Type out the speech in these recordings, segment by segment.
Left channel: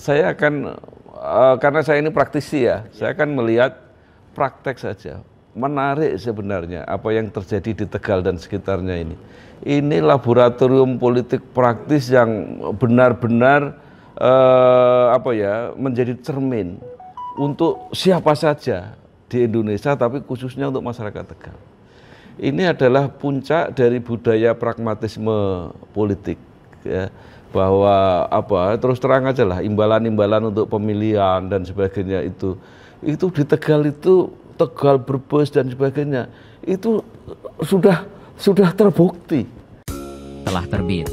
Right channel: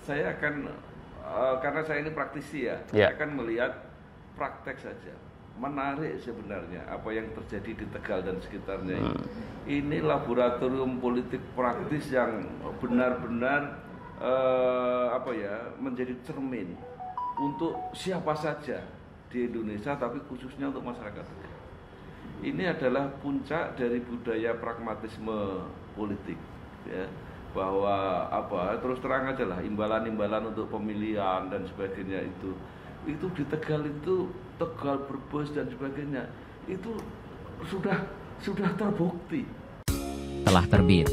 Saya akan karena saya ini praktisi ya, saya akan melihat praktek saja. Menarik sebenarnya apa yang terjadi di Tegal dan sekitarnya ini. Ini laboratorium politik praktis yang benar-benar menjadi cermin untuk siapa saja di Indonesia, tapi khususnya untuk masyarakat Tegal. Ini adalah puncak dari budaya pragmatisme politik, ya, bahwa terus terang aja lah, imbalan-imbalan untuk pemilihan dan sebagainya itu di Tegal itu, Tegal, Brebes dan sebagainya itu sudah terbukti. Telah terbit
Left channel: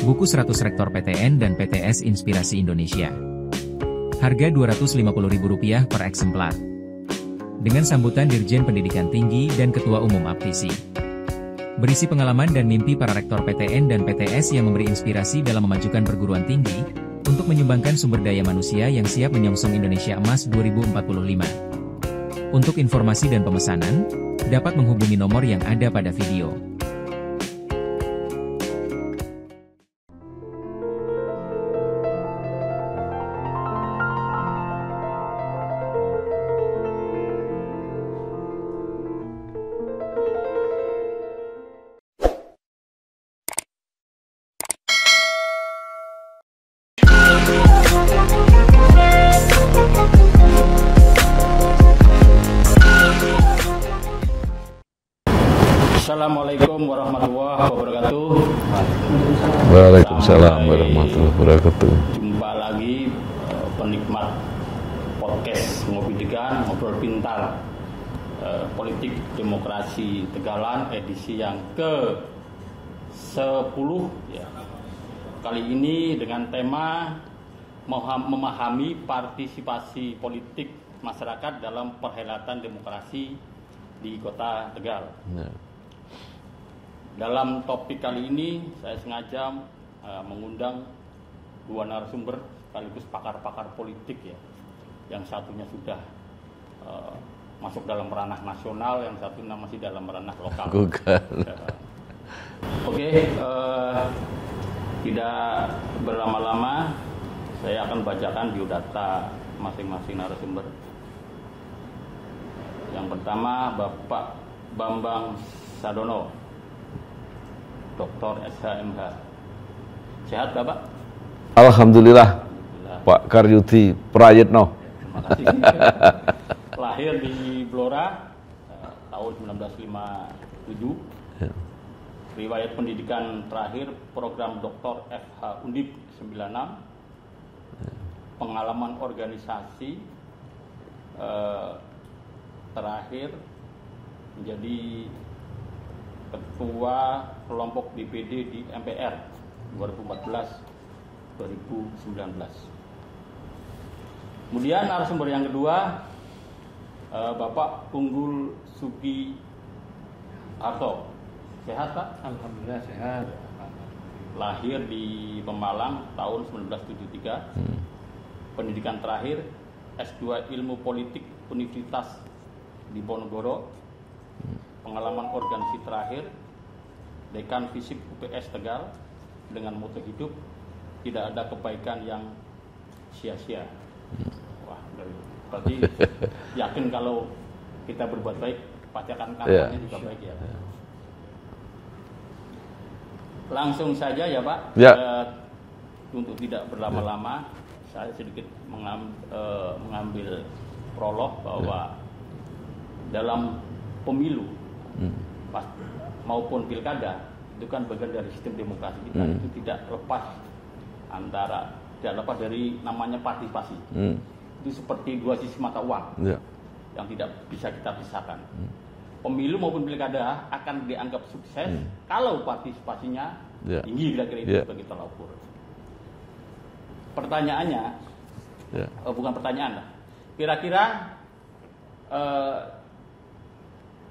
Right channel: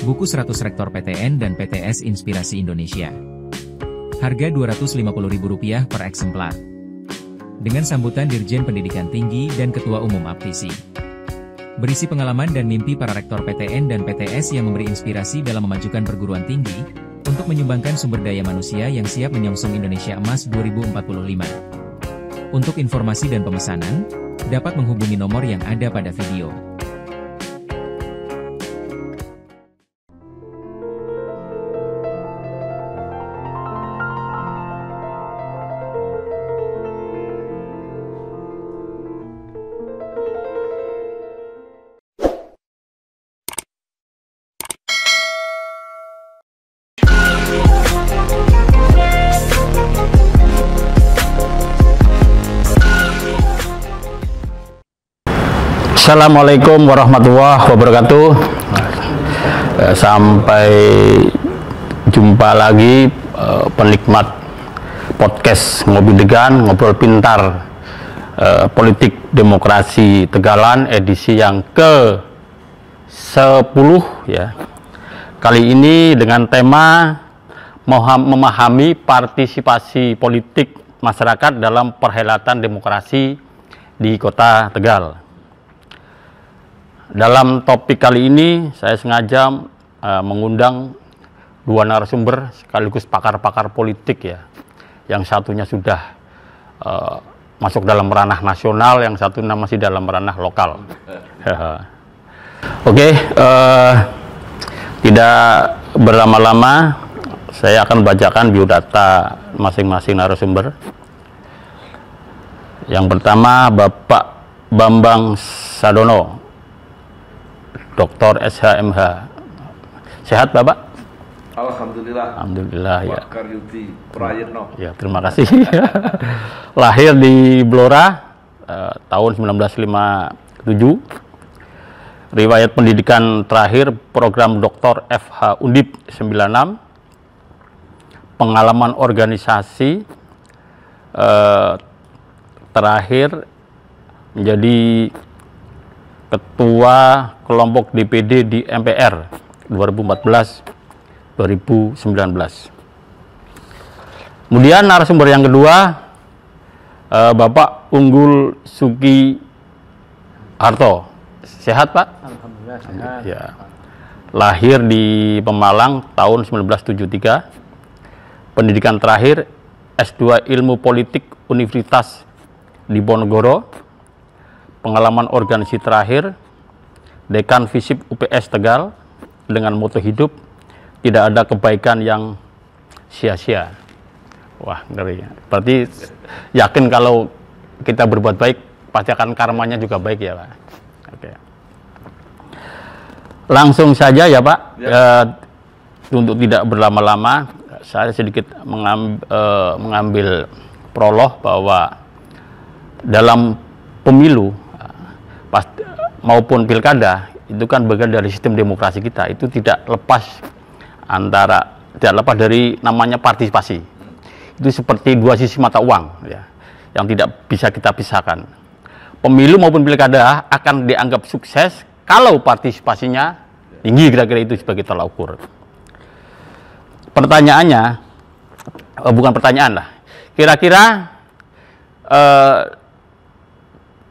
buku 100 Rektor PTN dan PTS Inspirasi Indonesia. Harga Rp250.000 per eksemplar. Dengan sambutan Dirjen Pendidikan Tinggi dan Ketua Umum APTISI. Berisi pengalaman dan mimpi para rektor PTN dan PTS yang memberi inspirasi dalam memajukan perguruan tinggi untuk menyumbangkan sumber daya manusia yang siap menyongsong Indonesia Emas 2045. Untuk informasi dan pemesanan, dapat menghubungi nomor yang ada pada video. Assalamualaikum warahmatullahi wabarakatuh. Sampai jumpa lagi penikmat podcast Ngopi Degan, Ngobrol Pintar, Politik Demokrasi Tegalan edisi yang ke-10 ya. Kali ini dengan tema memahami partisipasi politik masyarakat dalam perhelatan demokrasi di Kota Tegal. Dalam topik kali ini saya sengaja mengundang dua narasumber sekaligus pakar-pakar politik ya. Yang satunya sudah masuk dalam ranah nasional, yang satunya masih dalam ranah lokal. Oke, tidak berlama-lama saya akan bacakan biodata masing-masing narasumber. Yang pertama Bapak Bambang Sadono, Dr. SHMH. Sehat Bapak? Alhamdulillah. Alhamdulillah. Pak Karyudi Prayitno. Ya, terima kasih. Lahir di Blora tahun 1957. Riwayat pendidikan terakhir program Dr. FH Undip 96. Pengalaman organisasi terakhir menjadi Ketua Kelompok DPD di MPR 2014-2019. Kemudian narasumber yang kedua, Bapak Unggul Sugi Harto. Sehat Pak? Alhamdulillah sehat. Ya. Lahir di Pemalang tahun 1973. Pendidikan terakhir S2 Ilmu Politik Universitas Diponegoro. Pengalaman organisasi terakhir Dekan Visip UPS Tegal dengan moto hidup, tidak ada kebaikan yang sia-sia. Wah, ngeri. Berarti yakin kalau kita berbuat baik pasti akan karmanya juga baik ya Pak. Oke. Langsung saja ya Pak. Untuk tidak berlama-lama, saya sedikit mengambil prolog bahwa dalam pemilu maupun pilkada itu kan bagian dari sistem demokrasi kita. Itu tidak lepas dari namanya partisipasi. Itu seperti dua sisi mata uang ya, yang tidak bisa kita pisahkan. Pemilu maupun pilkada akan dianggap sukses kalau partisipasinya tinggi, kira-kira itu sebagai tolak ukur. Pertanyaannya bukan pertanyaan lah, kira-kira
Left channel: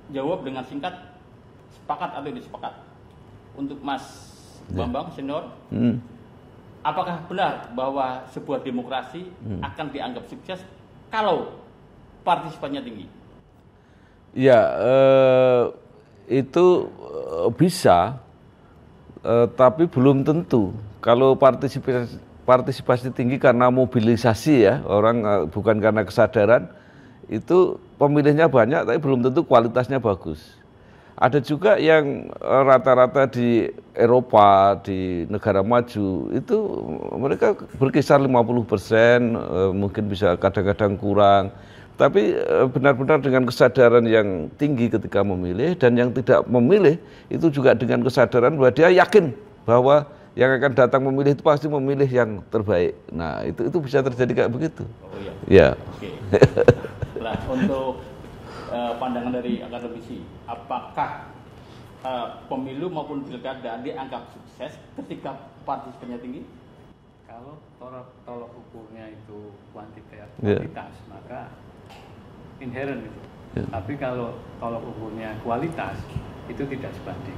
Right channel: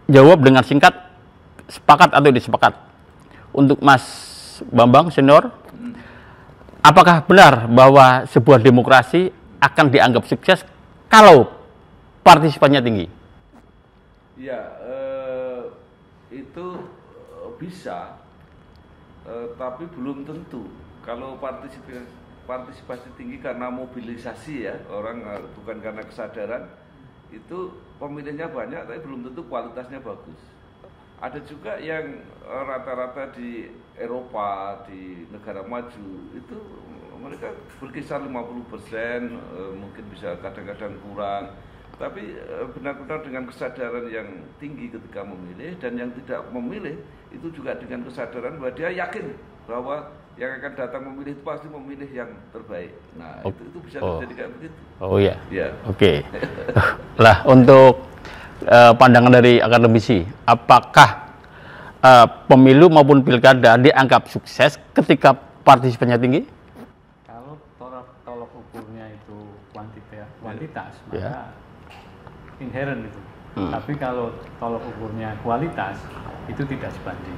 jawab dengan singkat, sepakat atau disepakat. Untuk Mas Bambang senior, apakah benar bahwa sebuah demokrasi akan dianggap sukses kalau partisipasinya tinggi? Ya, itu bisa, tapi belum tentu. Kalau partisipasi tinggi karena mobilisasi ya, orang bukan karena kesadaran, itu pemilihnya banyak tapi belum tentu kualitasnya bagus. Ada juga yang rata-rata di Eropa, di negara maju, itu mereka berkisar 50%, mungkin bisa kadang-kadang kurang. Tapi benar-benar dengan kesadaran yang tinggi ketika memilih, dan yang tidak memilih itu juga dengan kesadaran bahwa dia yakin bahwa yang akan datang memilih itu pasti memilih yang terbaik. Nah, itu bisa terjadi kayak begitu. Oh iya. Ya. Oke. Lah, untuk pandangan dari akademisi, apakah pemilu maupun pilkada dianggap sukses ketika partisipannya tinggi? Kalau tolak ukurnya itu kuantitas, maka inherent itu. Tapi kalau tolak ukurnya kualitas, itu tidak sebanding.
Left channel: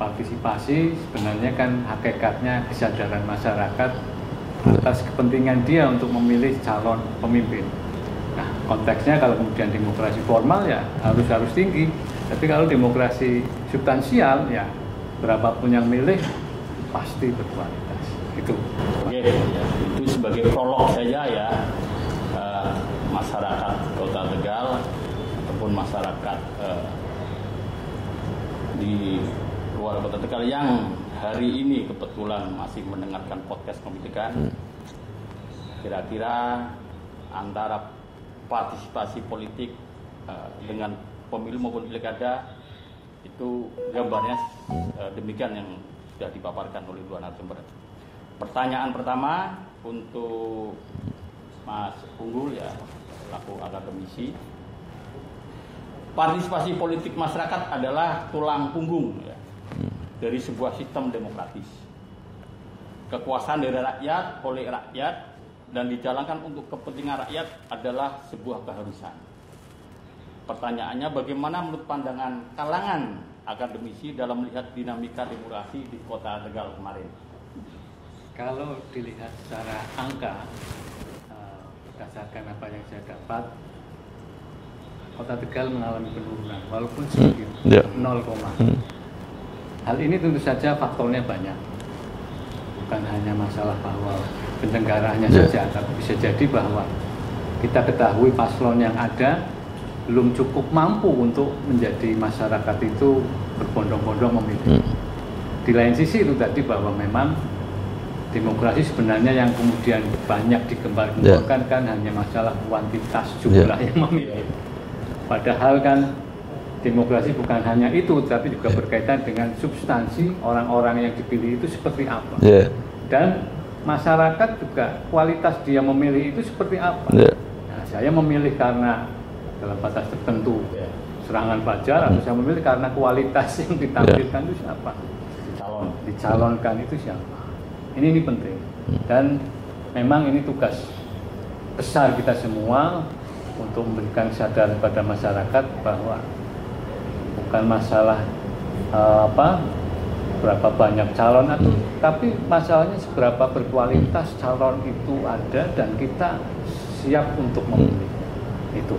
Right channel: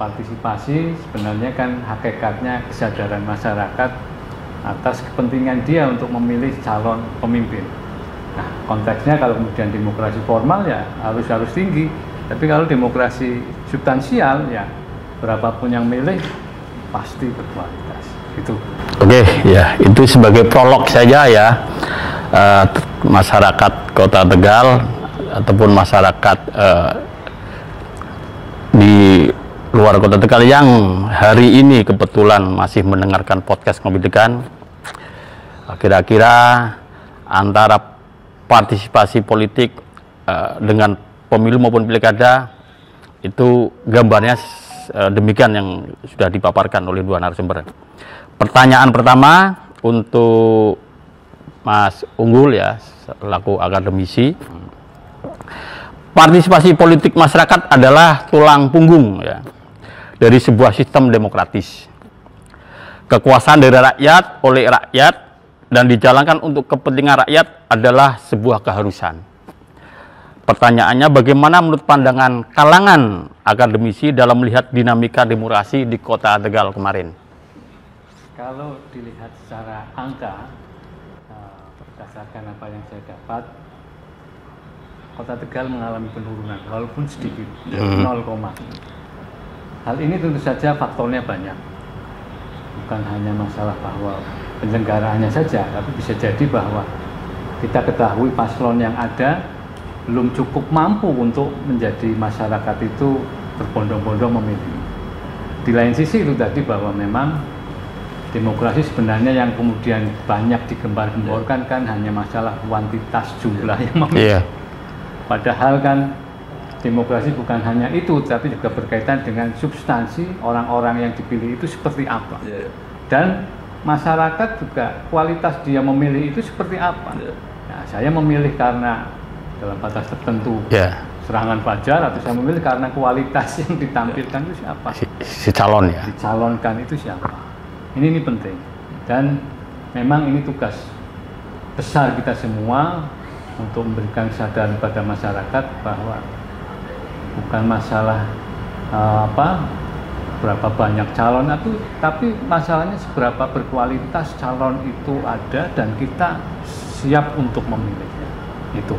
Partisipasi sebenarnya kan hakikatnya kesadaran masyarakat atas kepentingan dia untuk memilih calon pemimpin. Nah, konteksnya kalau kemudian demokrasi formal ya harus tinggi. Tapi kalau demokrasi substansial ya berapapun yang milih pasti berkualitas. Gitu. Oke, ya itu sebagai prolog saja ya. Masyarakat Kota Tegal ataupun masyarakat di luar Kota Tegal yang hari ini kebetulan masih mendengarkan podcast Ngopi Degan, kira-kira antara partisipasi politik dengan pemilu maupun pilkada itu gambarnya demikian yang sudah dipaparkan oleh dua narasumber. Pertanyaan pertama untuk Mas Unggul ya, selaku akademisi. Partisipasi politik masyarakat adalah tulang punggung ya dari sebuah sistem demokratis. Kekuasaan dari rakyat oleh rakyat dan dijalankan untuk kepentingan rakyat adalah sebuah keharusan. Pertanyaannya, bagaimana menurut pandangan kalangan akademisi dalam melihat dinamika demokrasi di Kota Tegal kemarin? Kalau dilihat secara angka, berdasarkan apa yang saya dapat, Kota Tegal mengalami penurunan, walaupun sedikit, 0, hal ini tentu saja faktornya banyak. Bukan hanya masalah bahwa penyelenggaraannya saja, tapi bisa jadi bahwa kita ketahui paslon yang ada belum cukup mampu untuk menjadi masyarakat itu berbondong-bondong memilih. Di lain sisi itu tadi bahwa memang demokrasi sebenarnya yang kemudian banyak digembar-gemborkan kan hanya masalah kuantitas jumlah yang memilih. Padahal kan demokrasi bukan hanya itu, tapi juga berkaitan dengan substansi orang-orang yang dipilih itu seperti apa. Dan masyarakat juga kualitas dia memilih itu seperti apa. Nah, saya memilih karena dalam batas tertentu serangan fajar, atau saya memilih karena kualitas yang ditampilkan itu siapa? Si calon ya. Dicalonkan itu siapa? Ini penting. Dan memang ini tugas besar kita semua untuk memberikan kesadaran pada masyarakat bahwa bukan masalah berapa banyak calon atau, tapi masalahnya seberapa berkualitas calon itu ada dan kita siap untuk memilihnya. Itu.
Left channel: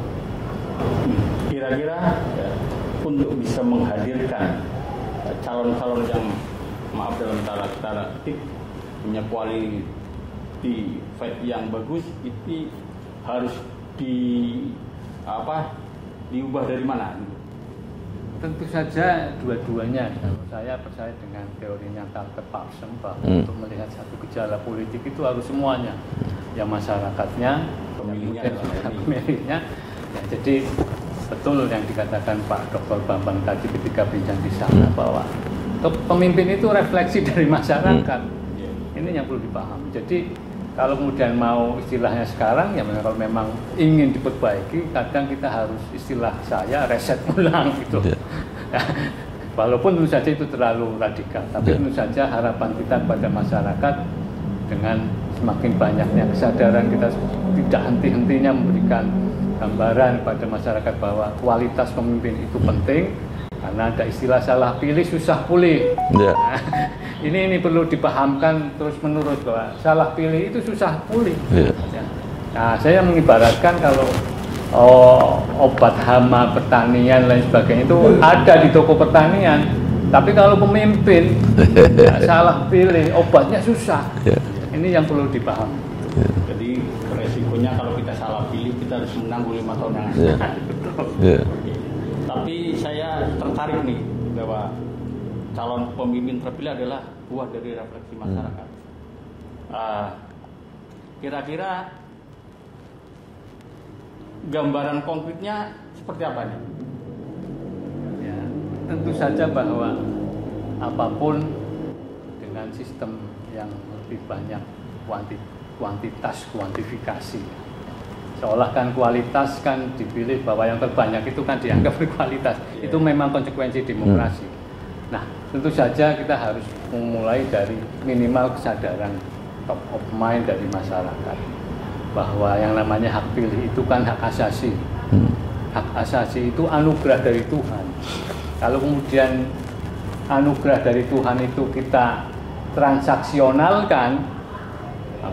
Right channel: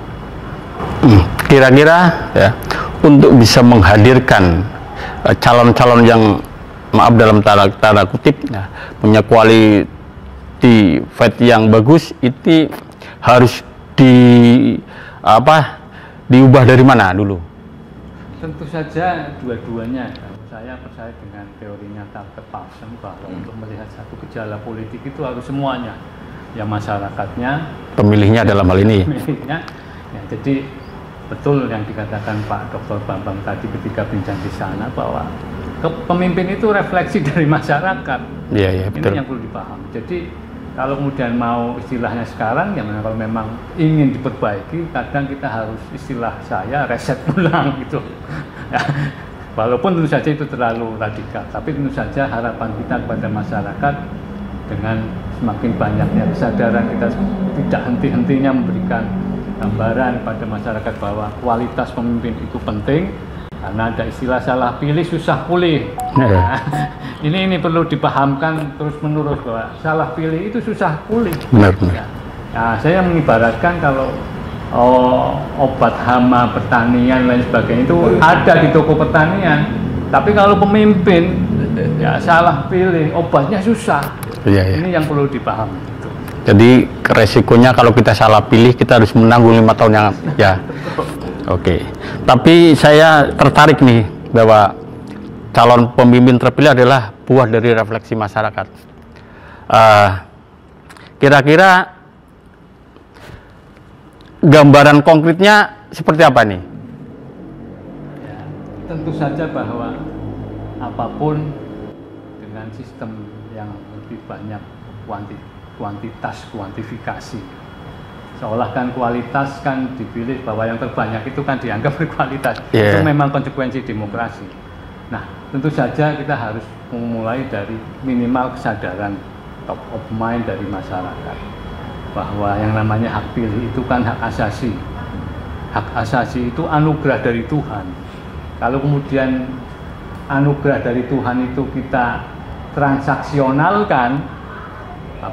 Kira-kira ya, untuk bisa menghadirkan calon-calon yang maaf dalam tanda kutip ya, punya quality fight yang bagus, itu harus diubah dari mana dulu? Tentu saja dua-duanya. Saya percaya dengan teorinya Tucker Parson bahwa untuk melihat satu gejala politik itu harus semuanya, yang masyarakatnya, pemilihnya dalam hal ini. Pemilihnya. Ya, jadi betul yang dikatakan Pak Dr. Bambang tadi ketika bincang di sana bahwa pemimpin itu refleksi dari masyarakat. Betul. Ini yang perlu dipaham. Jadi kalau kemudian mau istilahnya sekarang, ya kalau memang ingin diperbaiki, kadang kita harus istilah saya reset ulang gitu. Walaupun tentu saja itu terlalu radikal, tapi tentu saja harapan kita kepada masyarakat dengan semakin banyaknya kesadaran kita tidak henti-hentinya memberikan gambaran pada masyarakat bahwa kualitas pemimpin itu penting, karena ada istilah salah pilih susah pulih. Nah, ini perlu dipahamkan terus-menerus bahwa salah pilih itu susah pulih. Nah, saya mengibaratkan kalau obat hama pertanian dan sebagainya itu ada di toko pertanian, Tapi kalau pemimpin ya salah pilih, obatnya susah. Ini yang perlu dipahami. Jadi resikonya kalau kita salah pilih, kita harus menanggung 5 tahun yang Oke. Tapi saya tertarik nih bahwa calon pemimpin terpilih adalah buah dari refleksi masyarakat. Kira-kira gambaran konkretnya seperti apa nih? Ya, tentu saja bahwa apapun dengan sistem yang lebih banyak kuantitas, kuantifikasi. Seolah kan kualitas kan dipilih bahwa yang terbanyak itu kan dianggap berkualitas. Itu memang konsekuensi demokrasi. Nah, tentu saja kita harus memulai dari minimal kesadaran top of mind dari masyarakat bahwa yang namanya hak pilih itu kan hak asasi. Hak asasi itu anugerah dari Tuhan. Kalau kemudian anugerah dari Tuhan itu kita transaksionalkan,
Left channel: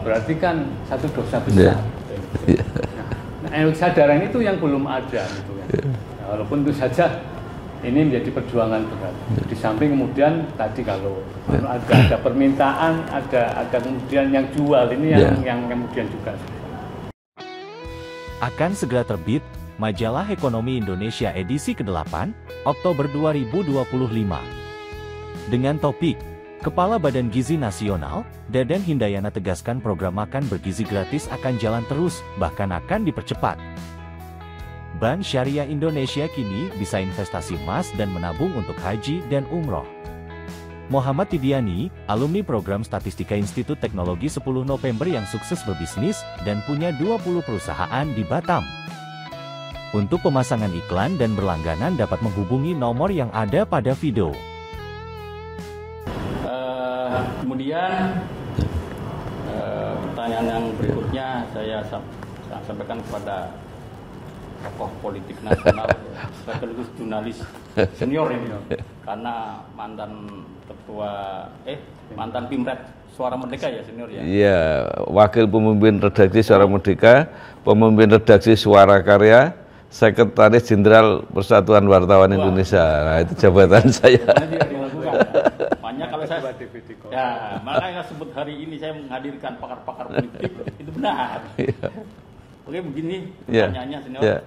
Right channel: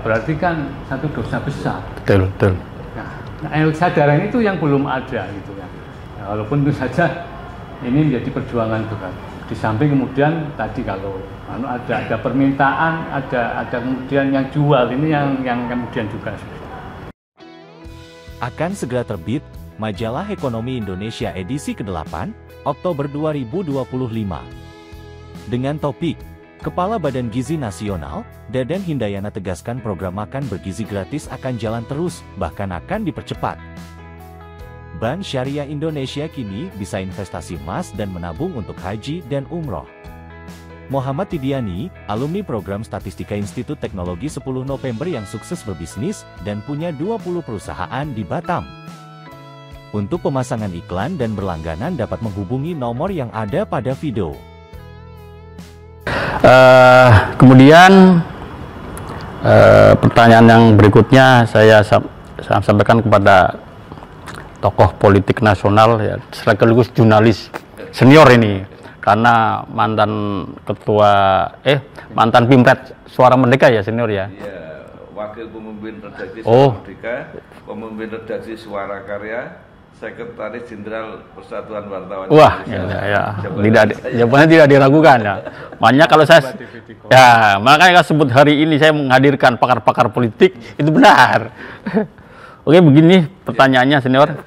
berarti kan satu dosa besar. Betul. Nah, kesadaran itu yang belum ada gitu ya. Nah, walaupun itu saja ini menjadi perjuangan berat. Di samping kemudian tadi kalau ada permintaan, ada kemudian yang jual, ini yang kemudian juga akan segera terbit Majalah Ekonomi Indonesia edisi ke-8 Oktober 2025 dengan topik Kepala Badan Gizi Nasional, Dadan Hindayana tegaskan program makan bergizi gratis akan jalan terus, bahkan akan dipercepat. Bank Syariah Indonesia kini bisa investasi emas dan menabung untuk haji dan umroh. Muhammad Tidiani, alumni program Statistika Institut Teknologi 10 November yang sukses berbisnis dan punya 20 perusahaan di Batam. Untuk pemasangan iklan dan berlangganan dapat menghubungi nomor yang ada pada video. Kemudian pertanyaan yang berikutnya saya sampaikan kepada tokoh politik nasional ya, sekaligus jurnalis senior ini, karena mantan Pimret Suara Merdeka ya senior ya. Iya, wakil pemimpin redaksi Suara Merdeka, pemimpin redaksi Suara Karya, Sekretaris Jenderal Persatuan Wartawan Indonesia. Jawabannya tidak diragukan ya. Makanya kalau makanya sebut hari ini saya menghadirkan pakar-pakar politik itu benar. Oke, begini pertanyaannya senior.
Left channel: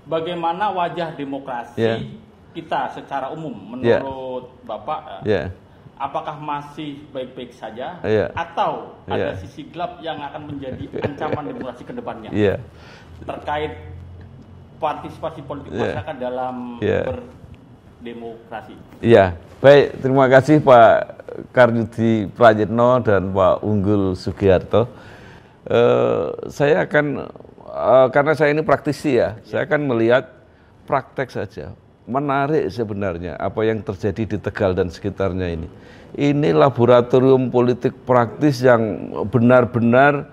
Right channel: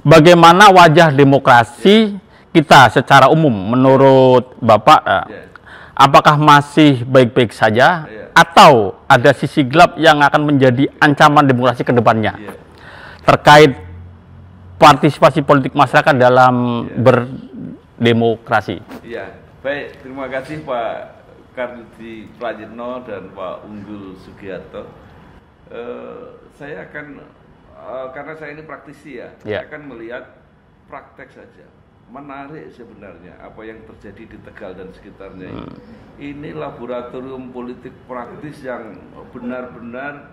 Bagaimana wajah demokrasi kita secara umum menurut Bapak? Apakah masih baik-baik saja atau ada sisi gelap yang akan menjadi ancaman demokrasi ke depannya? Terkait partisipasi politik masyarakat dalam berdemokrasi. Iya, baik, terima kasih Pak Karnudi Prayitno dan Pak Unggul Sugiharto. Saya akan karena saya ini praktisi saya akan melihat praktek saja. Menarik sebenarnya apa yang terjadi di Tegal dan sekitarnya ini. Ini laboratorium politik praktis yang benar-benar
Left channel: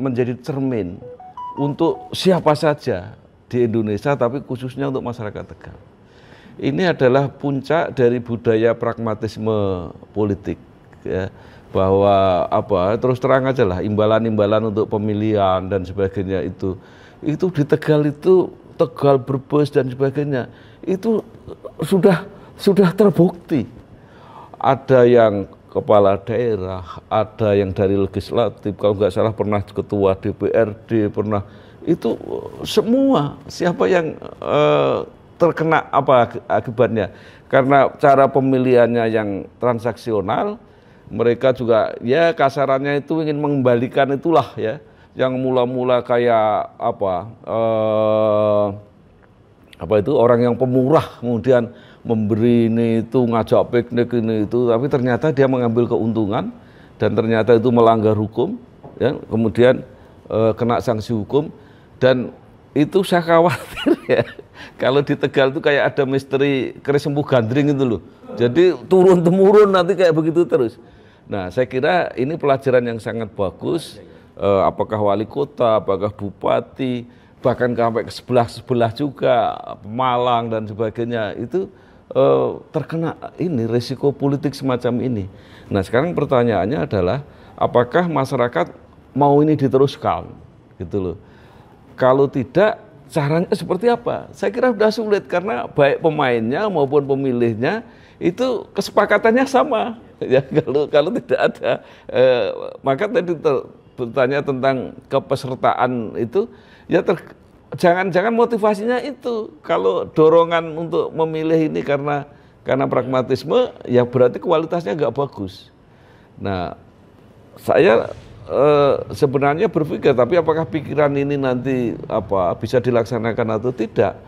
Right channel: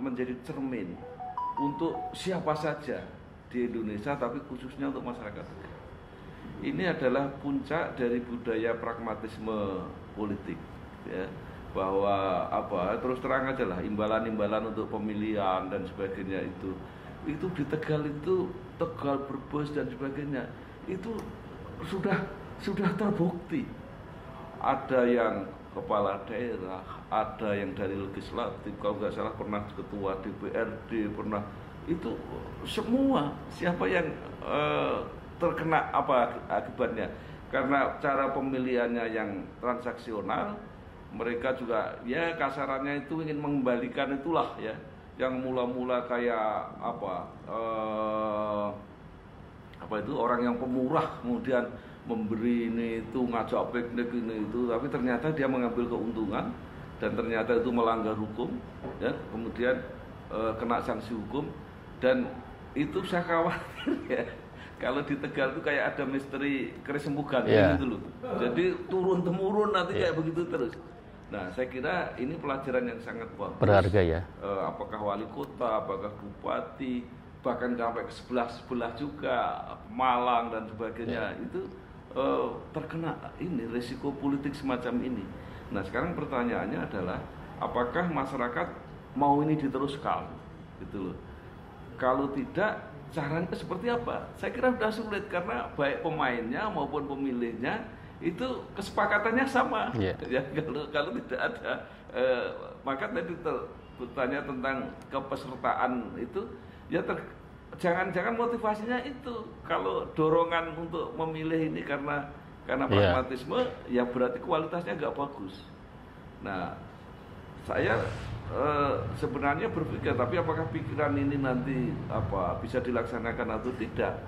menjadi cermin untuk siapa saja di Indonesia, tapi khususnya untuk masyarakat Tegal. Ini adalah puncak dari budaya pragmatisme politik, ya, bahwa terus terang aja lah, imbalan-imbalan untuk pemilihan dan sebagainya itu di Tegal itu, Tegal, Brebes dan sebagainya itu sudah terbukti. Ada yang kepala daerah, ada yang dari legislatif, kalau nggak salah pernah ketua DPRD, pernah itu semua siapa yang terkena akibatnya karena cara pemilihannya yang transaksional. Mereka juga ya kasarannya itu ingin mengembalikan itulah ya, yang mula-mula kayak orang yang pemurah kemudian memberi ini itu, ngajak piknik ini itu, tapi ternyata dia mengambil keuntungan dan ternyata itu melanggar hukum ya, kemudian kena sanksi hukum. Dan itu saya khawatir ya, kalau di Tegal itu kayak ada misteri keris empuh gandring itu loh. Jadi turun-temurun nanti kayak begitu terus. Nah, saya kira ini pelajaran yang sangat bagus. Berharga ya. Apakah wali kota, apakah bupati, bahkan sampai ke sebelah juga, Malang dan sebagainya, itu terkena ini risiko politik semacam ini. Nah, sekarang pertanyaannya adalah apakah masyarakat mau ini diteruskan, gitu loh. Kalau tidak, caranya seperti apa? Saya kira sudah sulit karena baik pemainnya maupun pemilihnya itu kesepakatannya sama. Ya, kalau tidak ada, maka tadi bertanya tentang kepesertaan itu, ya jangan-jangan motivasinya itu. Kalau dorongan untuk memilih ini karena pragmatisme, ya berarti kualitasnya nggak bagus. Nah, saya sebenarnya berpikir, tapi apakah pikiran ini nanti bisa dilaksanakan atau tidak?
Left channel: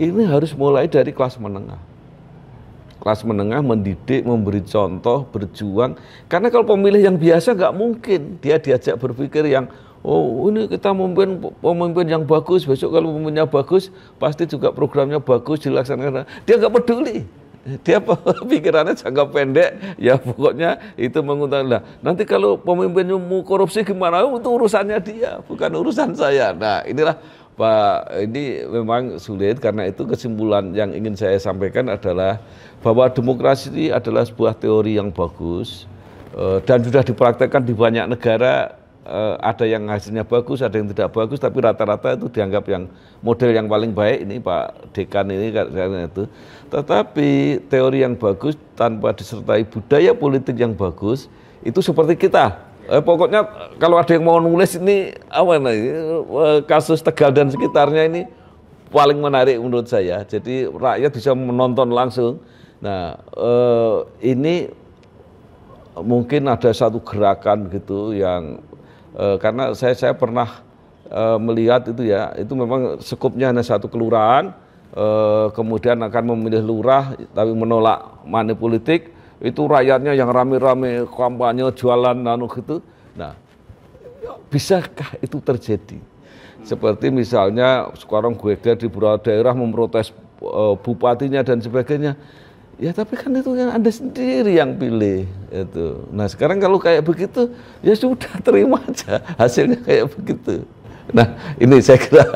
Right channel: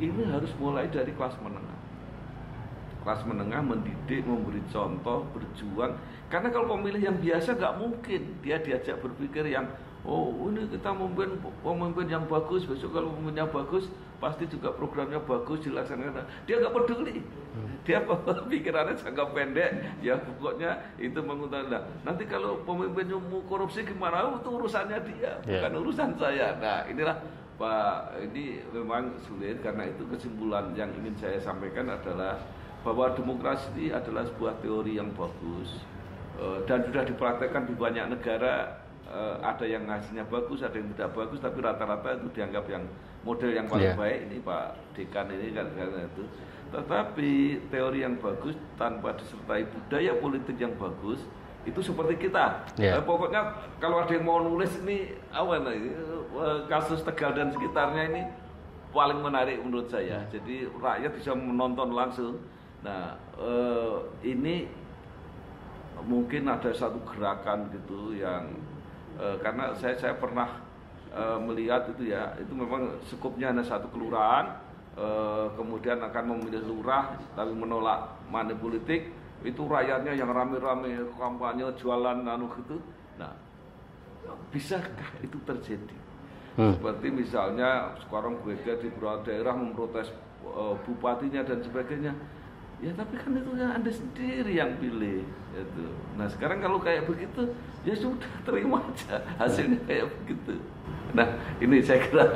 Ini harus mulai dari kelas menengah. Kelas menengah mendidik, memberi contoh, berjuang. Karena kalau pemilih yang biasa nggak mungkin dia diajak berpikir yang, oh ini kita pemimpin yang bagus, besok kalau pemimpinnya bagus, pasti juga programnya bagus, dilaksanakan. Dia nggak peduli. Dia pikirannya jangka pendek, ya pokoknya itu menguntungkan. Nanti kalau pemimpinnya mau korupsi gimana, itu urusannya dia, bukan urusan saya. Nah inilah Pak, ini memang sulit, karena itu kesimpulan yang ingin saya sampaikan adalah bahwa demokrasi ini adalah sebuah teori yang bagus dan sudah dipraktekkan di banyak negara. Ada yang hasilnya bagus, ada yang tidak bagus, tapi rata-rata itu dianggap yang model yang paling baik. Ini Pak Dekan ini karena itu. Tetapi teori yang bagus tanpa disertai budaya politik yang bagus itu seperti kita. Pokoknya kalau ada yang mau nulis ini kasus Tegal dan sekitarnya ini paling menarik menurut saya. Jadi rakyat bisa menonton langsung. Nah, ini mungkin ada satu gerakan gitu yang karena saya pernah melihat itu ya, itu memang skupnya hanya satu kelurahan, kemudian akan memilih lurah tapi menolak money politik, itu rakyatnya yang rame-rame kampanye jualan gitu. Nah, bisakah itu terjadi? Seperti misalnya sekarang di beberapa daerah memprotes bupatinya dan sebagainya. Ya tapi kan itu yang Anda sendiri yang pilih itu. Nah sekarang kalau kayak begitu, ya sudah terima aja hasilnya kayak begitu. Nah ini saya kira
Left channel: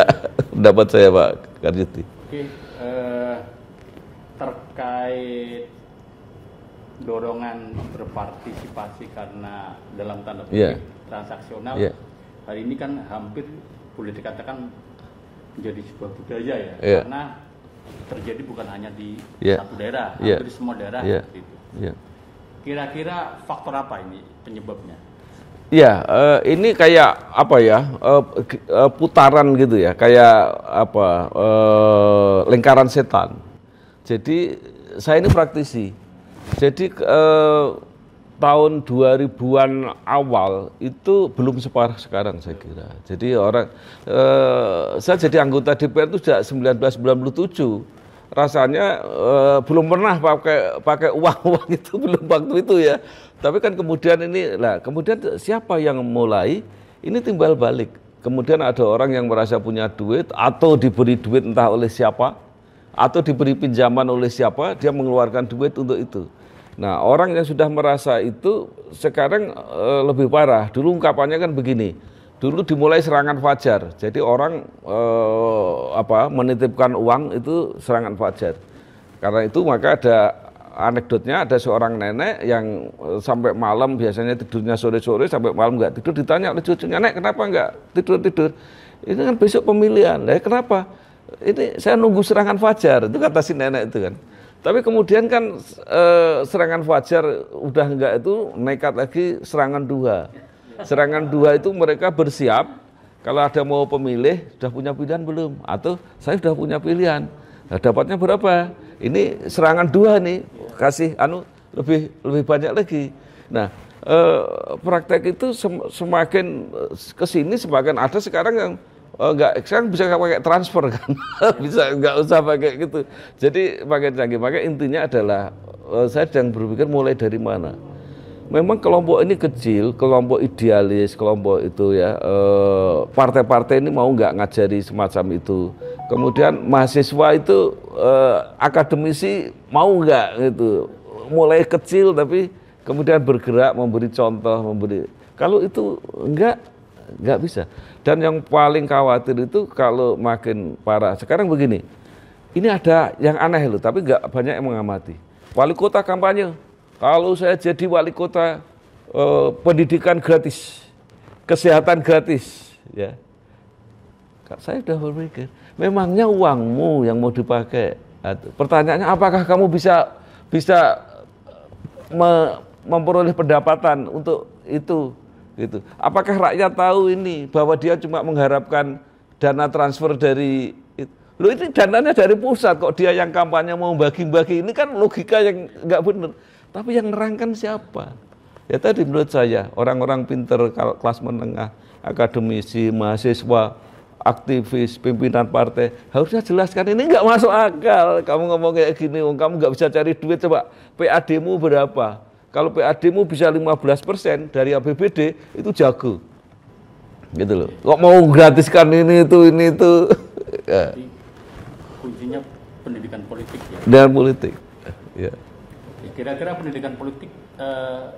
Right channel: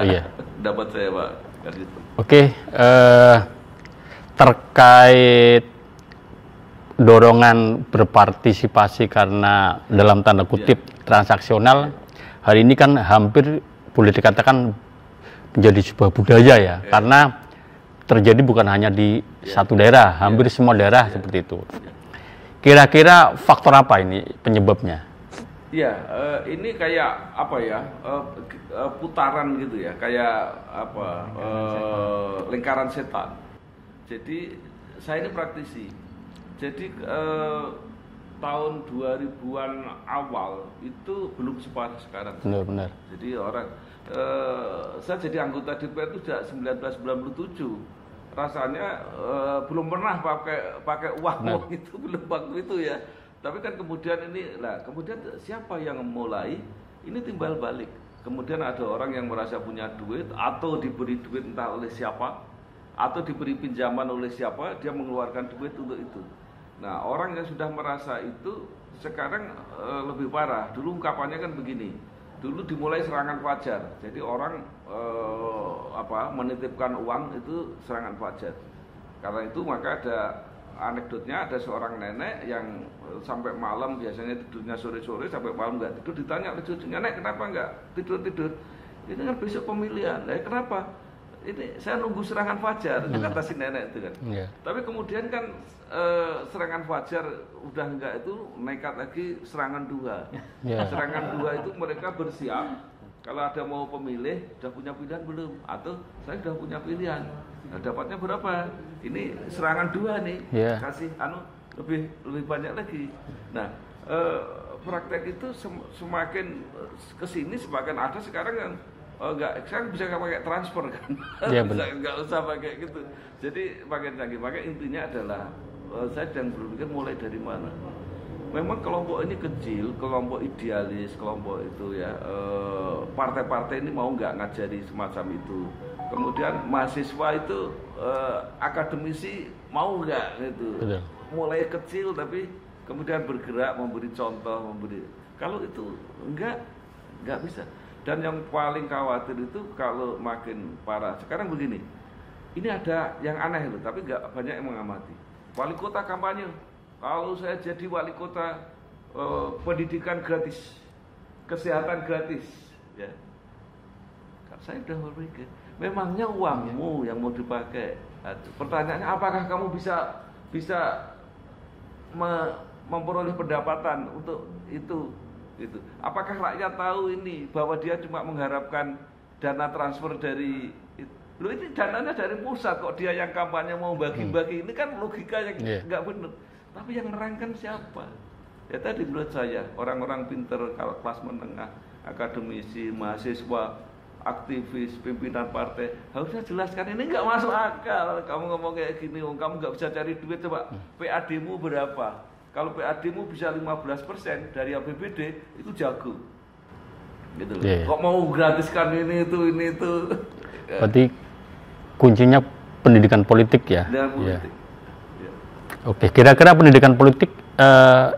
pendapat saya Pak Karjuti. Oke, terkait dorongan berpartisipasi karena dalam tanda kutip transaksional, hari ini kan hampir boleh dikatakan menjadi sebuah budaya ya, karena terjadi bukan hanya di satu daerah, hampir semua daerah seperti itu. Kira-kira faktor apa ini penyebabnya? Ya, ini kayak apa ya, putaran gitu ya, kayak apa, lingkaran setan. Jadi saya ini praktisi. Jadi tahun 2000-an awal itu belum separah sekarang. Jadi saya jadi anggota DPR itu sejak 1997. Rasanya belum pernah pakai uang itu, belum waktu itu ya. Tapi kan kemudian kemudian siapa yang mulai? Ini timbal balik. Kemudian ada orang yang merasa punya duit atau diberi duit entah oleh siapa, atau diberi pinjaman oleh siapa, dia mengeluarkan duit untuk itu. Nah, orang yang sudah merasa itu sekarang lebih parah. Dulu ungkapannya kan begini. Dulu dimulai serangan fajar, jadi orang menitipkan uang itu serangan fajar. Karena itu maka ada anekdotnya, ada seorang nenek yang sampai malam, biasanya tidurnya sore-sore sampai malam nggak tidur, ditanya oleh cucunya, "Nek, kenapa nggak tidur-tidur? Ini kan besok pemilihan." "Lah kenapa?" "Ini saya nunggu serangan fajar," itu kata si nenek itu kan. Tapi kemudian kan serangan fajar udah enggak, itu nekat lagi serangan duha. Serangan duha itu mereka bersiap, kalau ada mau pemilih, sudah punya pilihan belum? Atau saya sudah punya pilihan, nah, dapatnya berapa? Ini serangan duha nih, kasih lebih banyak lagi. Nah, praktek itu semakin kesini semakin ada sekarang yang sekarang bisa pakai transfer kan, bisa nggak usah pakai gitu. Jadi makin canggih. Maka intinya adalah saya sedang berpikir mulai dari mana. Memang kelompok ini kecil, kelompok idealis, kelompok itu ya, partai-partai ini mau nggak ngajari semacam itu. Kemudian mahasiswa itu, akademisi mau nggak gitu. Mulai kecil tapi kemudian bergerak, memberi contoh, kalau itu nggak bisa. Dan yang paling khawatir itu kalau makin parah. Sekarang begini, ini ada yang aneh loh, tapi nggak banyak yang mengamati. Wali kota kampanye, kalau saya jadi wali kota, pendidikan gratis, kesehatan gratis, ya. Saya sudah berpikir, memangnya uangmu yang mau dipakai. Pertanyaannya, apakah kamu bisa memperoleh pendapatan untuk itu? Gitu. Apakah rakyat tahu ini bahwa dia cuma mengharapkan dana transfer dari Loh, ini dananya dari pusat, kok dia yang kampanye mau bagi-bagi, ini kan logika yang nggak benar. Tapi yang nerangkan siapa? Ya tadi menurut saya, orang-orang pinter, kelas menengah, akademisi, mahasiswa, aktivis, pimpinan partai, harusnya jelaskan, ini nggak masuk akal. Kamu ngomong kayak gini, kamu nggak bisa cari duit, coba PAD-mu berapa? Kalau PAD-mu bisa 15% dari APBD, itu jago. Gitu loh. Kok mau gratiskan ini itu. Berarti kuncinya pendidikan politik ya? Dan politik. Ya. Oke, kira-kira pendidikan politik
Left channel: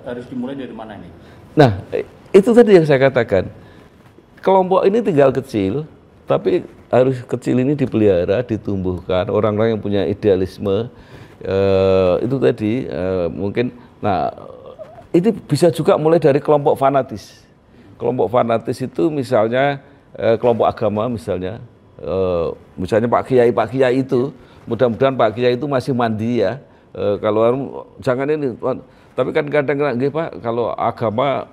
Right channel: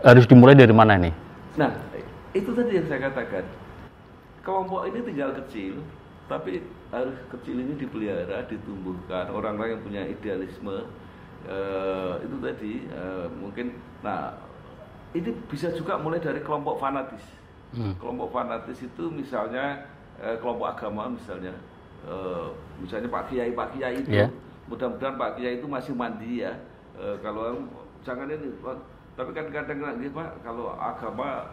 harus dimulai dari mana nih? Nah, itu tadi yang saya katakan. Kelompok ini tinggal kecil, tapi harus kecil ini dipelihara, ditumbuhkan. Orang-orang yang punya idealisme, itu tadi mungkin. Nah, itu bisa juga mulai dari kelompok fanatis. Kelompok fanatis itu misalnya kelompok agama misalnya. Misalnya Pak Kiai itu, mudah-mudahan Pak Kiai itu masih mandi ya. Kalau jangan ini, tapi kan kadang-kadang Pak, kalau agama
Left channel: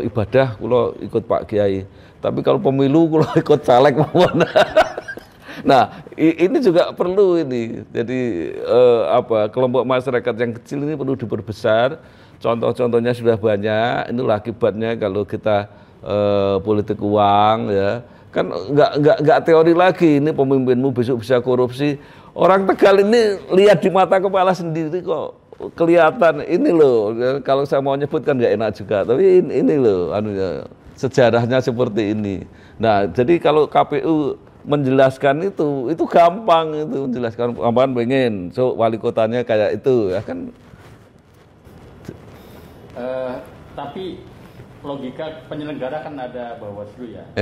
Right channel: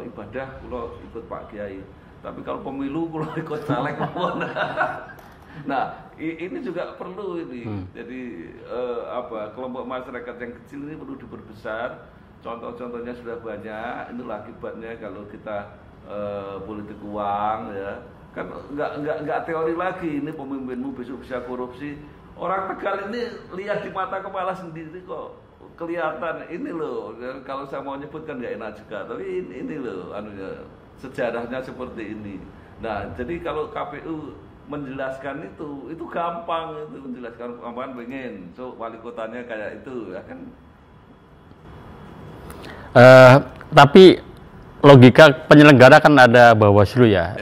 ibadah, kalau ikut Pak Kiai. Tapi kalau pemilu, kalau ikut caleg mana? Nah, ini juga perlu ini. Jadi kelompok masyarakat yang kecil ini perlu diperbesar. Contoh-contohnya sudah banyak. Inilah akibatnya kalau kita politik uang ya. Kan nggak teori lagi, ini pemimpinmu besok bisa korupsi. Orang Tegal ini lihat di mata kepala sendiri kok kelihatan. Ini loh, kalau saya mau nyebut kan nggak enak juga, tapi ini loh sejarahnya seperti ini. Nah, jadi kalau KPU menjelaskan itu gampang, itu menjelaskan apaan pengen so wali kotanya kayak itu ya kan. Tapi logika penyelenggara kan ada Bawaslu ya.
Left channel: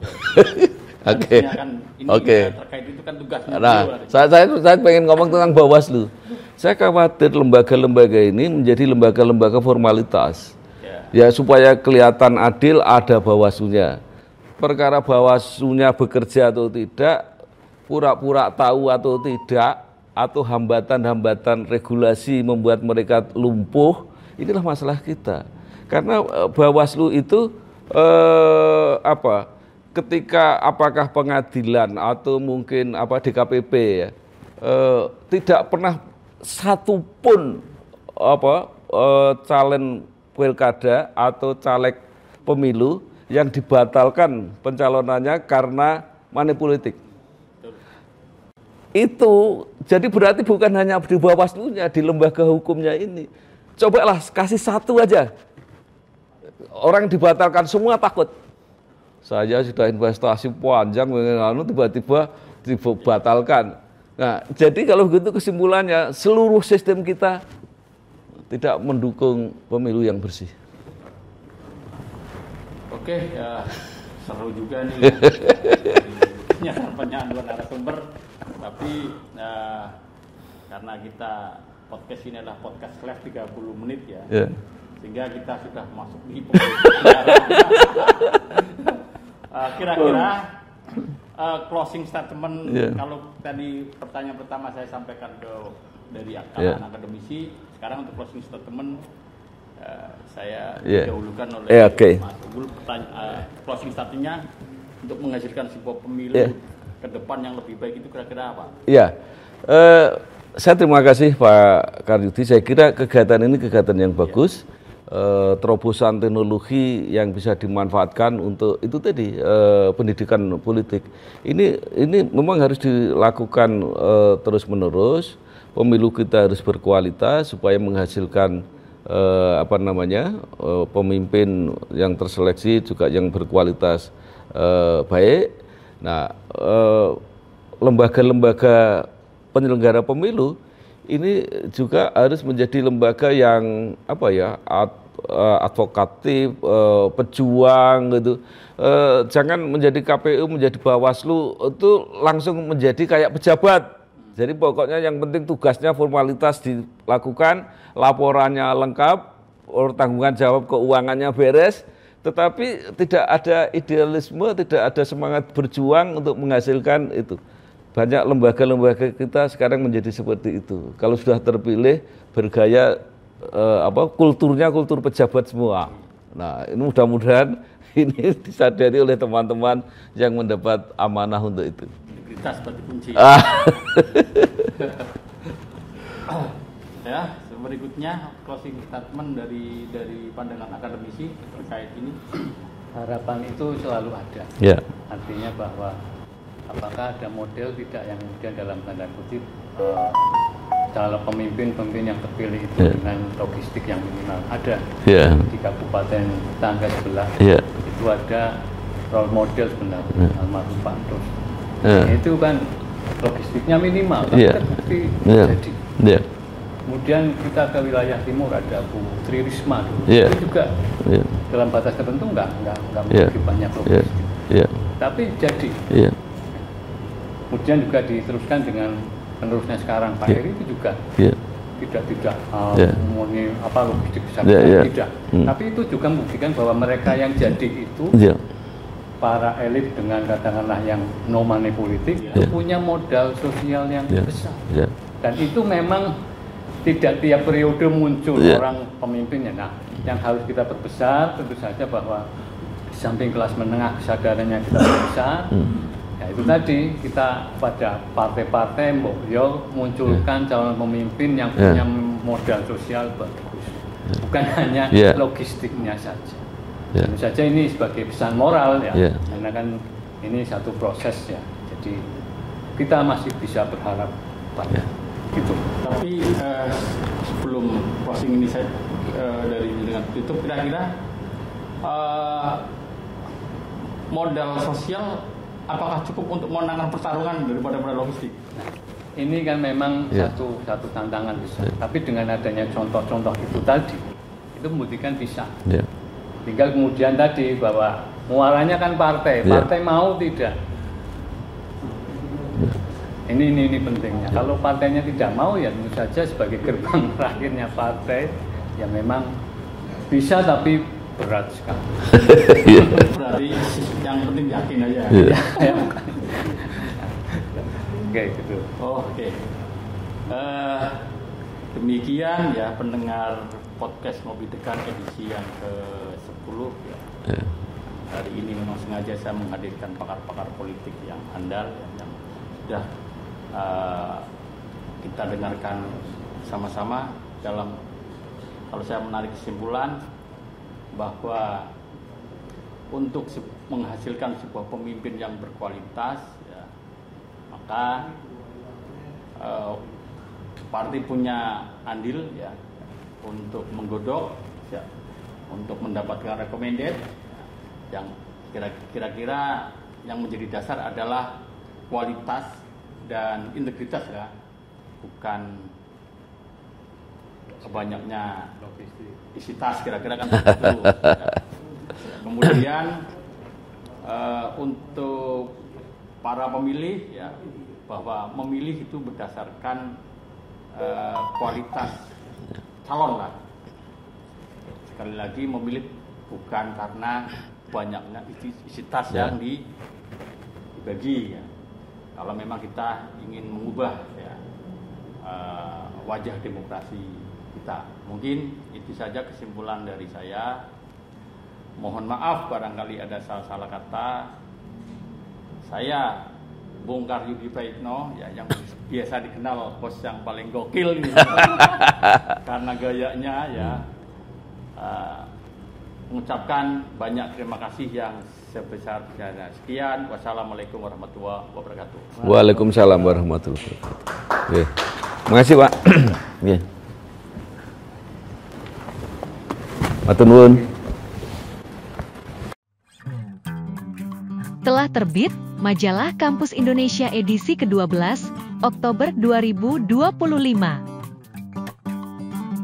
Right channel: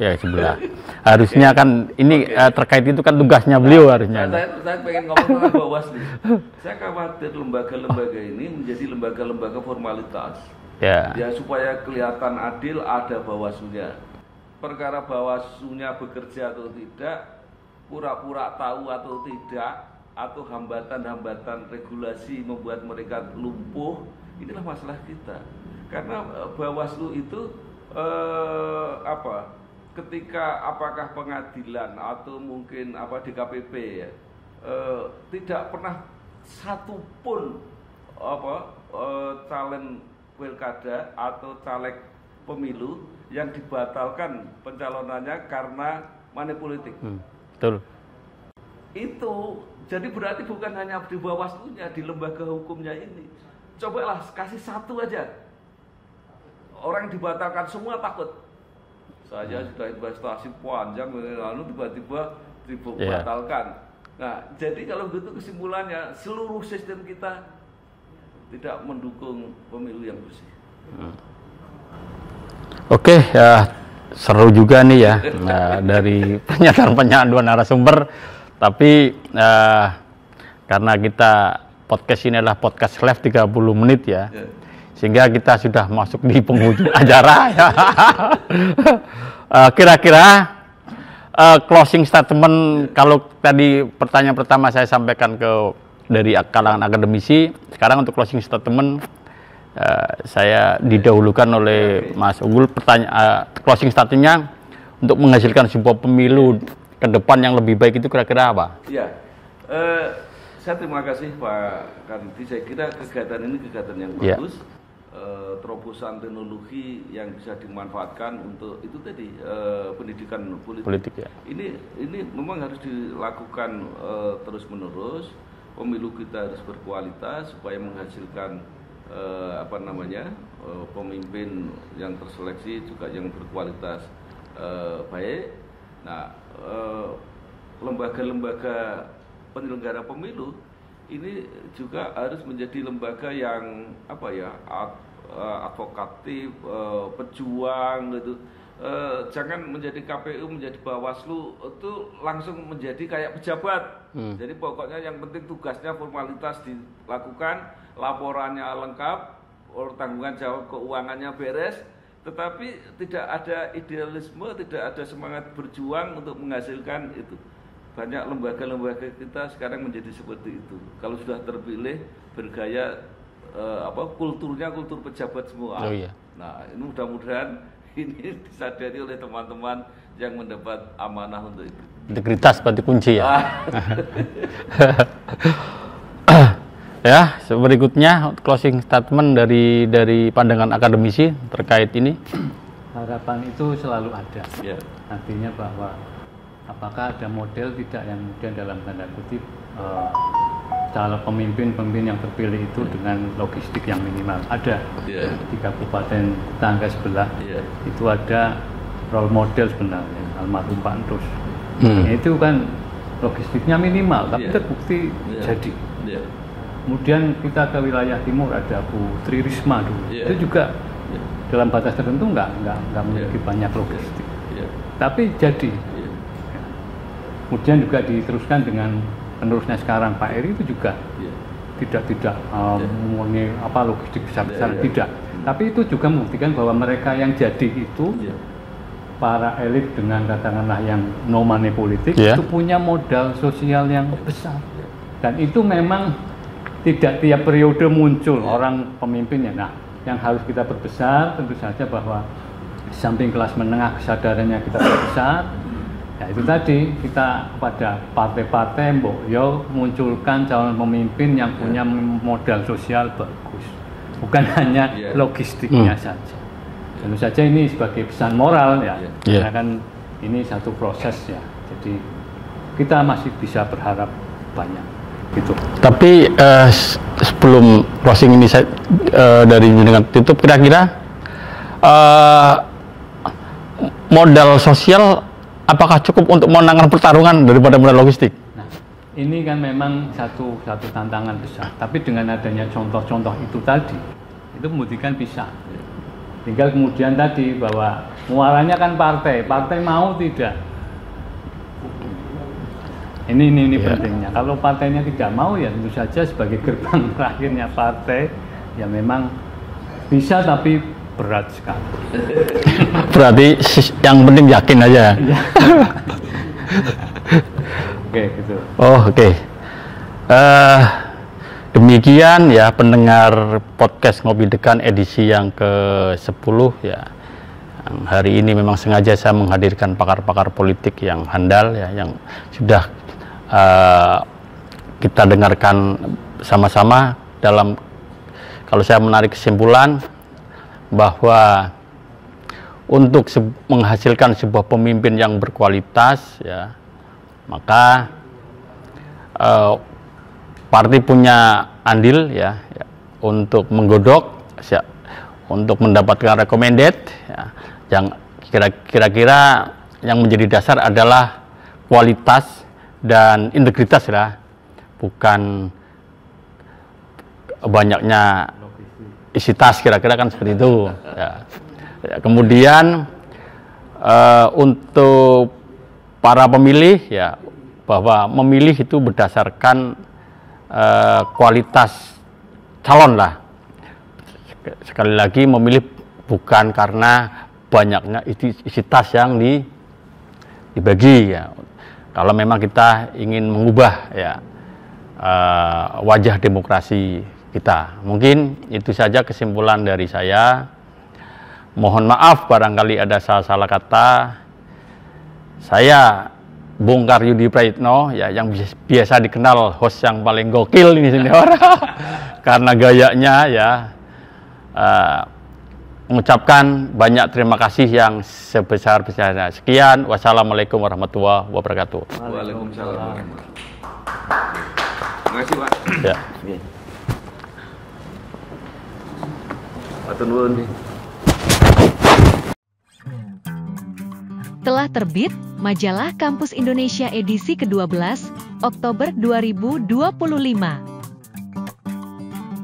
Ya sebelah. Harusnya kan ini terkait itu kan tugasnya beliau harusnya. Saya pengen ngomong tentang Bawaslu. Saya khawatir lembaga-lembaga ini menjadi lembaga-lembaga formalitas. Ya supaya kelihatan adil ada Bawaslunya. Perkara Bawaslunya bekerja atau tidak, pura-pura tahu atau tidak, atau hambatan-hambatan regulasi membuat mereka lumpuh, inilah masalah kita. Karena Bawaslu itu ketika apakah pengadilan atau mungkin DKPP ya tidak pernah satu pun calon pilkada atau caleg pemilu yang dibatalkan pencalonannya karena money politik. Betul. Itu jadi berarti bukan hanya di Bawaslunya, di lembaga hukumnya ini. Cobalah kasih satu aja. Orang dibatalkan semua takut. Saya sudah investasi panjang, tiba-tiba dibatalkan. Nah, jadi kalau begitu kesimpulannya seluruh sistem kita tidak mendukung pemilu yang bersih. Oke, ya seru juga nih ya dari pernyataan-pernyataan dua narasumber. Tapi karena kita podcast ini adalah podcast live 30 menit ya. Sehingga kita sudah masuk di penghujung acara. Kira-kira closing statement, kalau tadi pertanyaan pertama saya sampaikan dari kalangan akademisi, sekarang untuk closing statement saya didahulukan oleh Mas Unggul. Closing statementnya untuk menghasilkan sebuah pemilu ke depan yang lebih baik itu kira-kira apa? Saya terima kasih Pak Karyudi. Saya kira kegiatan ini kegiatan yang bagus. Terobosan teknologi yang bisa dimanfaatkan untuk itu tadi pendidikan politik. Ini memang harus dilakukan terus-menerus. Pemilu kita harus berkualitas supaya menghasilkan pemimpin yang terseleksi juga yang berkualitas baik. Nah, lembaga-lembaga penyelenggara pemilu ini juga harus menjadi lembaga yang advokatif, pejuang gitu. Jangan menjadi KPU, menjadi Bawaslu itu langsung menjadi kayak pejabat. Jadi pokoknya yang penting tugasnya formalitas dilakukan, laporannya lengkap, tanggungan jawab keuangannya beres, tetapi tidak ada idealisme, tidak ada semangat berjuang untuk menghasilkan itu. banyak lembaga-lembaga kita sekarang menjadi seperti itu. Kalau sudah terpilih bergaya kulturnya kultur pejabat semua. Oh, iya. Nah, ini mudah-mudahan ini disadari oleh teman-teman yang mendapat amanah untuk itu. Integritas berarti kunci ya. Ya, berikutnya closing statement dari pandangan akademisi terkait ini. Harapan itu selalu ada. Ya. Artinya bahwa apakah ada model tidak yang kemudian dalam tanda kutip calon pemimpin yang terpilih itu dengan logistik yang minimal ada. Di kabupaten tetangga sebelah itu ada role model sebenarnya almarhum Pak Endos. Itu kan logistiknya minimal tapi terbukti jadi. Kemudian kita ke wilayah timur ada Bu Tri Risma dulu. Itu juga dalam batas tertentu nggak memiliki banyak logistik. Tapi jadi. Kemudian juga diteruskan dengan penerusnya sekarang Pak Heri itu juga tidak mengenai logistik besar tidak. Tapi itu juga membuktikan bahwa mereka yang jadi itu para elit dengan katakanlah yang no money politik itu punya modal sosial yang besar. Dan itu memang tidak tiap periode muncul orang pemimpinnya. Nah, yang harus kita perbesar tentu saja bahwa di samping kelas menengah kesadarannya kita perbesar. Nah, itu tadi kita pada partai-partai munculkan calon pemimpin yang punya modal sosial bagus, bukan hanya logistiknya saja. Tentu saja ini sebagai pesan moral ya, karena kan ini satu proses ya. Jadi kita masih bisa berharap banyak. Gitu. Tapi sebelum closing ini saya dari dengan tutup, kira-kira modal sosial apakah cukup untuk memenangkan pertarungan daripada modal logistik? Nah, ini kan memang satu tantangan besar. Tapi dengan adanya contoh-contoh itu tadi, itu membuktikan bisa. Tinggal kemudian tadi bahwa muaranya kan partai mau tidak. Ini pentingnya. Kalau partainya tidak mau ya tentu saja sebagai gerbang terakhirnya partai ya memang bisa tapi berat sekali. Berarti yang penting yakin aja. Oke, gitu. Oh, oke. Demikian ya pendengar podcast Ngopi Dekan edisi yang ke-10 ya. Hari ini memang sengaja saya menghadirkan pakar-pakar politik yang handal ya, yang sudah kita dengarkan sama-sama dalam, kalau saya menarik kesimpulan bahwa untuk menghasilkan sebuah pemimpin yang berkualitas ya, maka partai punya andil ya untuk menggodok ya, untuk mendapatkan recommended ya, yang kira-kira yang menjadi dasar adalah kualitas dan integritas ya, bukan banyaknya isi tas, kira-kira kan seperti itu ya. Kemudian untuk para pemilih ya, bahwa memilih itu berdasarkan kualitas calon lah. Sekali lagi memilih bukan karena banyaknya isi tas yang dibagi ya. Kalau memang kita ingin mengubah ya wajah demokrasi kita. Mungkin itu saja kesimpulan dari saya. Mohon maaf barangkali ada salah-salah kata. Saya Bongkar Yudi Praitno ya, yang biasa dikenal host yang paling gokil ini senior. Karena gayanya ya, mengucapkan banyak terima kasih yang sebesar-besarnya. Sekian, wassalamualaikum warahmatullahi wabarakatuh. Waalaikumsalam warahmatullahi wabarakatuh. Oke. Makasih Pak. Ya. Oke. Matur nuwun. Telah terbit Majalah Kampus Indonesia edisi ke-12, Oktober 2025.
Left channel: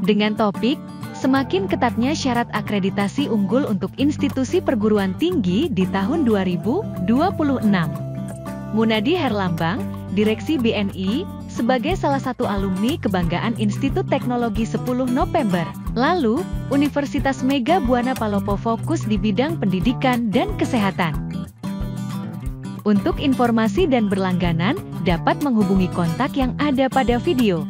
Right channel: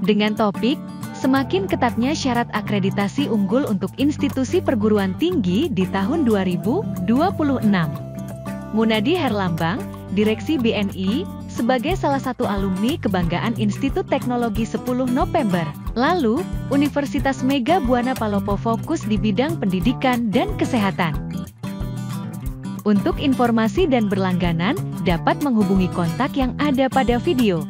Dengan topik, semakin ketatnya syarat akreditasi unggul untuk institusi perguruan tinggi di tahun 2026. Munadi Herlambang, Direksi BNI, sebagai salah satu alumni kebanggaan Institut Teknologi 10 November. Lalu, Universitas Mega Buana Palopo fokus di bidang pendidikan dan kesehatan. Untuk informasi dan berlangganan, dapat menghubungi kontak yang ada pada video.